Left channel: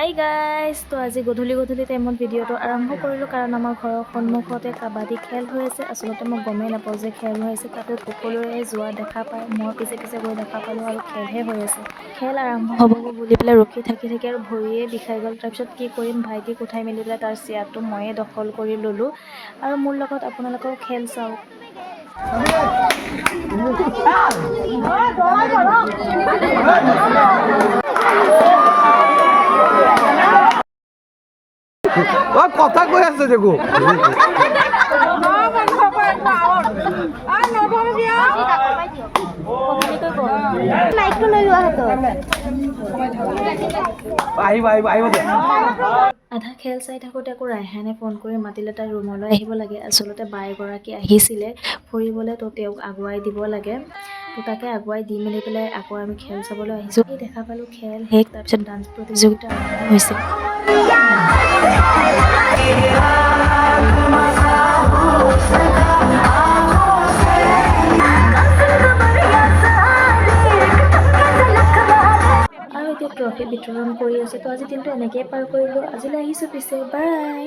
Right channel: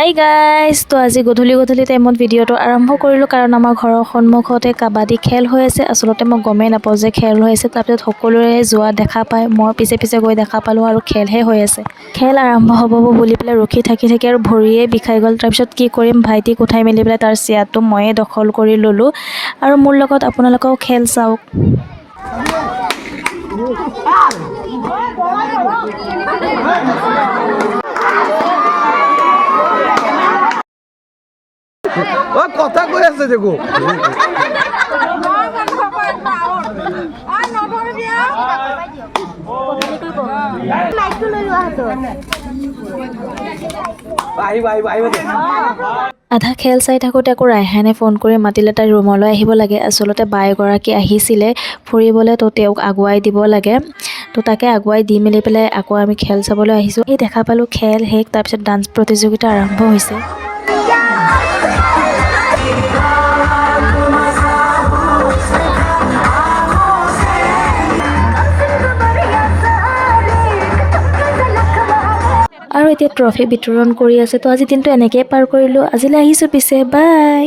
Hi guys, তো আজি গধূলি টাইমত ভিডিঅ'টো আৰম্ভ কৰিলোঁ কাৰণ আমাৰ ঘৰৰ সন্মুখতে কাবাডী খেল হৈ আছে। আচলতে মই গমেই নাপাওঁ যে খেল হৈ আছে। তাৰপিছত সকলোৰে যোৱা দেখা পায়, মই পিছে গৈ দেখা পালোঁ আৰু খেলহে হৈ আছে। খেল আৰম্ভ হ'ব বুলি পেলাই ৰখি থাকি আৰু ভৰিয়ে বিষাই গ'ল। তাৰপিছত কি কৰিম, ভাইটিক উঠাই মেলি পেলাই তাৰ চেয়াৰটো ময়ে দখল কৰি ল'লোঁ আৰু মোৰ লগত আপোনালোকেও খেল চাওক। কথা কৈ আছে দেখো আধা খেল চাই থাকোঁতে আকৌ ৰাইহানে ফোন কৰি মাতিলে তাই ৰুমলৈ আহিব লাগে। আচলতে বাই এগৰাকী আহিছিলে ফুৰিবলৈ, তো তেওঁক আগুৱাই দিব লাগে। তো তাকে আগুৱাই দি মেলি পেলাই আকৌ আমি খেল চাবলৈ আহিছোঁ। এই দেখা পালোঁ খেল শেষ, তাৰপিছত ডান্স প্ৰতিযোগিতা আৰম্ভ হৈছে। আৰু এতিয়া ট্ৰফি বিতৰণ কৰি আছে। তো আজি দিনটো এনেকৈয়ে পাৰ কৰিলোঁ। আজিলৈ আহিছোঁ পিছে, বাই।